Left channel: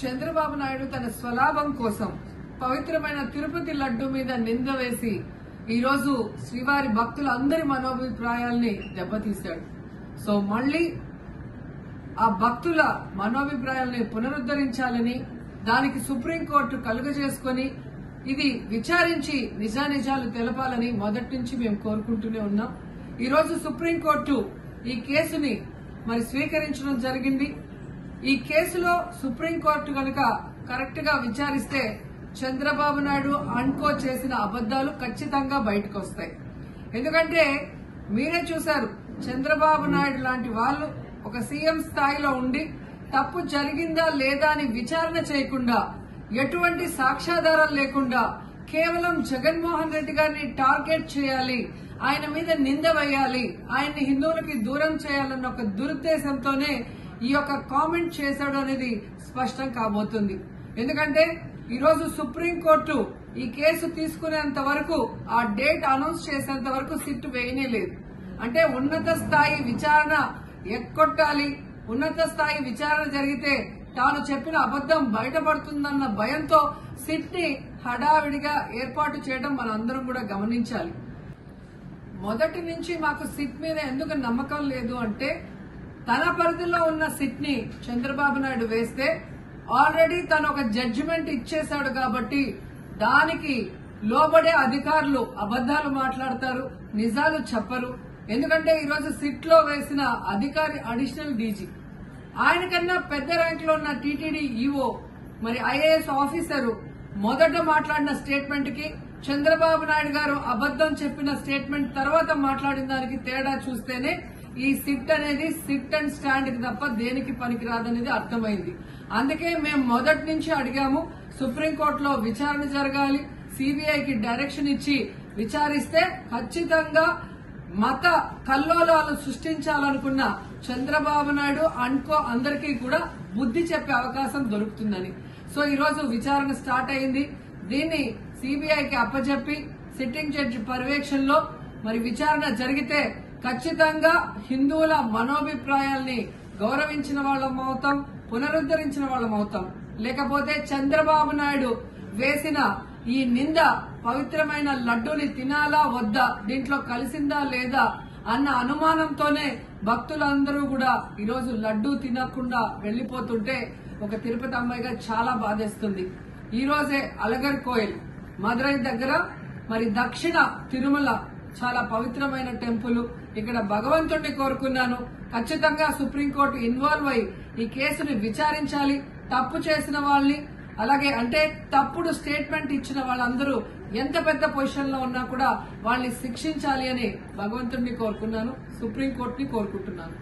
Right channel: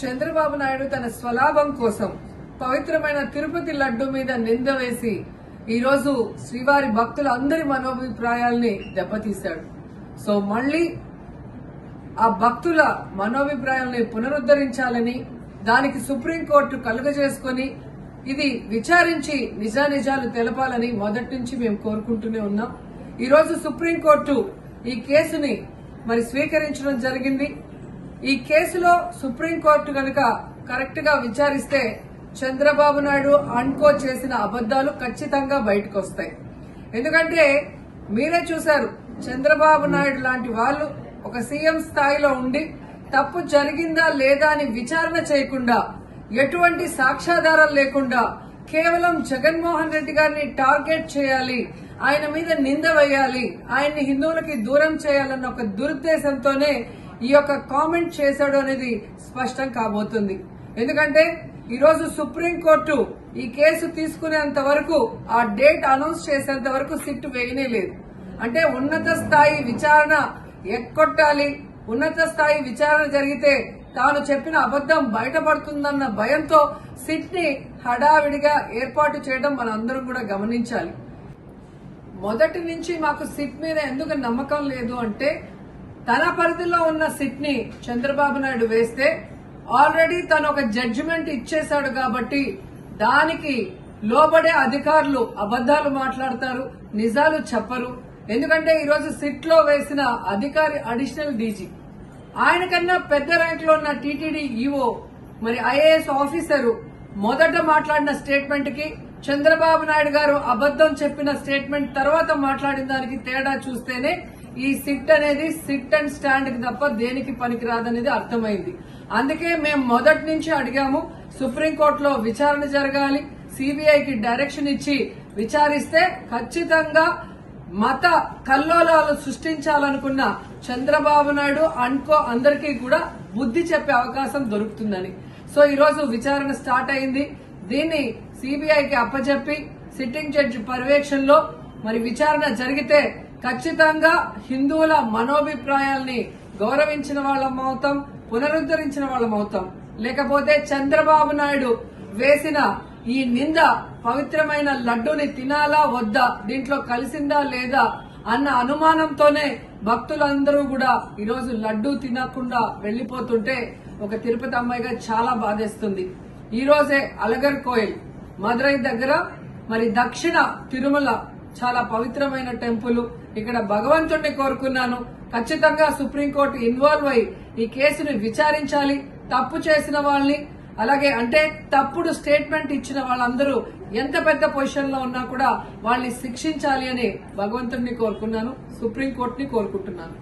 చంద్రబాబు నాయుడు తన స్వలాభం కోసం పవిత్రమైన తిరుపతి లడ్డు మీద నింద వేసి ఈ రోజు శ్రీవారి భక్తులందరి మనోభిప్రాయాల్ని దెబ్బతీశాడు. సో మళ్లీ ఆ భక్తుల మనోభిప్రాయాల్ని పునరుద్ధరించాలని, దానికి సుప్రీంకోర్టు కలుగజేసుకుని ఇది విచారించి నిజానిజాలు తెలపాలని మొదటి నుంచి మేము కోరుకుంటూనే ఉన్నాం. ఈ రోజు సుప్రీంకోర్టు ఈ కేసుని స్వీకరించడం జరిగింది. ఈ కేసులో సుప్రీంకోర్టు కనుక కరెక్ట్ గా విచారిస్తే చంద్రబాబు నాయుడు అన్కో చేసిన అబద్దాలు ఖచ్చితంగా బయటకు వస్తాయి. ఎందుకంటే మీరే చూశారు, చంద్రబాబు నాయుడు లాంటి వాళ్ళు ఒక సీఎం స్థాయిలో ఉండి తప్పు జరిగిందా లేదా అని విచారణ చేయకుండా, ఎటువంటి సాక్ష్యాధారాలు లేకుండా కేవలం జగన్మోహన్ రెడ్డి గారిని టార్గెట్ చేయాలి, ఆయన మీద నింద వేయాలి, ఆయన్ని హిందువులకి దూరం చేయాలన్న ఒక దురుద్దేశంతోనే ఈ యొక్క కామెంట్ చేశాడు అనేది స్పష్టం కాబోతుంది. ఎందుకంటే ఈ రోజు సుప్రీంకోర్టు ఈ కేసు తీసుకునేంత వరకు, ఆ డేట్ అనౌన్స్ చేసేంత వరకు సిట్ వేయనే లేదు. అంటే ఉన్నత స్థాయి విచారణ ఎక్కొట్టాలి, ఉన్నత స్థాయి విచారణ జరిగితే తాను చెప్పిన అబద్దం బయటపడుతుందన్న భయంతో సిట్ ని హడావిడిగా ఏర్పాటు చేయడం మనం అందరం కూడా గమనించాలి. మొదటి నుంచి మాకు సిట్ మీద ఎందుకు నమ్మకం లేదు అంటే, తన పరిధిలో ఉన్న సిట్ ని చంద్రబాబు నాయుడు వేస్తే ఆల్రెడీ తను ఒక జడ్జిమెంట్ ఇచ్చేశాడు కాబట్టి దానికి లోబడే అధికారులు అబద్దాలు మాట్లాడతారు, నిజాలు చెప్పరు. ఎందుకంటే ఈరోజు సిట్ లో వేసిన అధికారి అడిషనల్ డీజీ, ఆయన కన్నా పెద్ద ర్యాంక్ లో ఉన్న టీటీడీ ఈఓ, ఐఏఎస్ ఆఫీసరు మొదట మాట్లాడిన స్టేట్మెంట్ కి చంద్రబాబు నాయుడు గారు అబద్దం చెప్పిన స్టేట్మెంట్ తర్వాత మాట్లాడిన దానికి తేడా చూస్తేనే ఈ సిట్ అనేది సిట్ అండ్ స్టాండ్ కి తప్ప దేనికి పనికిరాదనేది అర్థమైంది. అందుకే మేము మొదటి నుంచి అడిగాము, సుప్రీంకోర్టులో విచారణ జరగాలి, సిబిఐకి డైరెక్షన్ ఇచ్చి విచారిస్తే ఖచ్చితంగా మత కల్లోలాలు సృష్టించాలనుకున్న చంద్రబాబు నాయుడు అన్కో అందరికీ కూడా బుద్ధి చెప్పే అవకాశం దొరుకుతుందని. సో ఈ రోజు విచారణ స్టార్ట్ అయింది. దీన్ని సిబిఐకి అప్పచెప్పి సిట్టింగ్ జడ్జి పర్యవేక్షణలో విచారణ జరిగితే ఖచ్చితంగా హిందువుల మనోభిప్రాయాల్ని గౌరవించిన వాళ్ళమవుతాం, పునరుద్దరించిన వాళ్ళమవుతాం. లేకపోతే చంద్రబాబు నాయుడు వేసిన ఈ నింద పవిత్రమైన లడ్డూని తినాలా వద్దా, దీంట్లో కలిసిందా లేదా అన్న అనుమానంతోనే భక్తులందరూ కూడా ఈరోజు లడ్డూ తినకుండా వెళ్లిపోతుంటే ఒక తిరుపతి అమ్మాయిగా చాలా బాధేస్తుంది. ఈ రోజే అలగర్ కోయిల్ మదురై దగ్గర దక్షిణ తిరుమల చాలా పవిత్రమైన టెంపుల్. ఇక్కడ భగవంతుడిని కోరుకున్నాను, ఖచ్చితంగా సుప్రీంకోర్టు ఇన్వాల్వ్ అయి ఈ కేసుని విచారించాలి. తప్పు చేసిన వాళ్ళని, అలాగే అంటే తప్పుడు స్టేట్మెంట్ ఇచ్చిన వాళ్ళందరూ ఎంత పెద్ద పొజిషన్ లో ఉన్నా కూడా వాళ్ళని శిక్షించాలి అని భగవంతుడిని కోరుకున్నాను, సుప్రీంకోర్టుని కోరుకుంటున్నాను.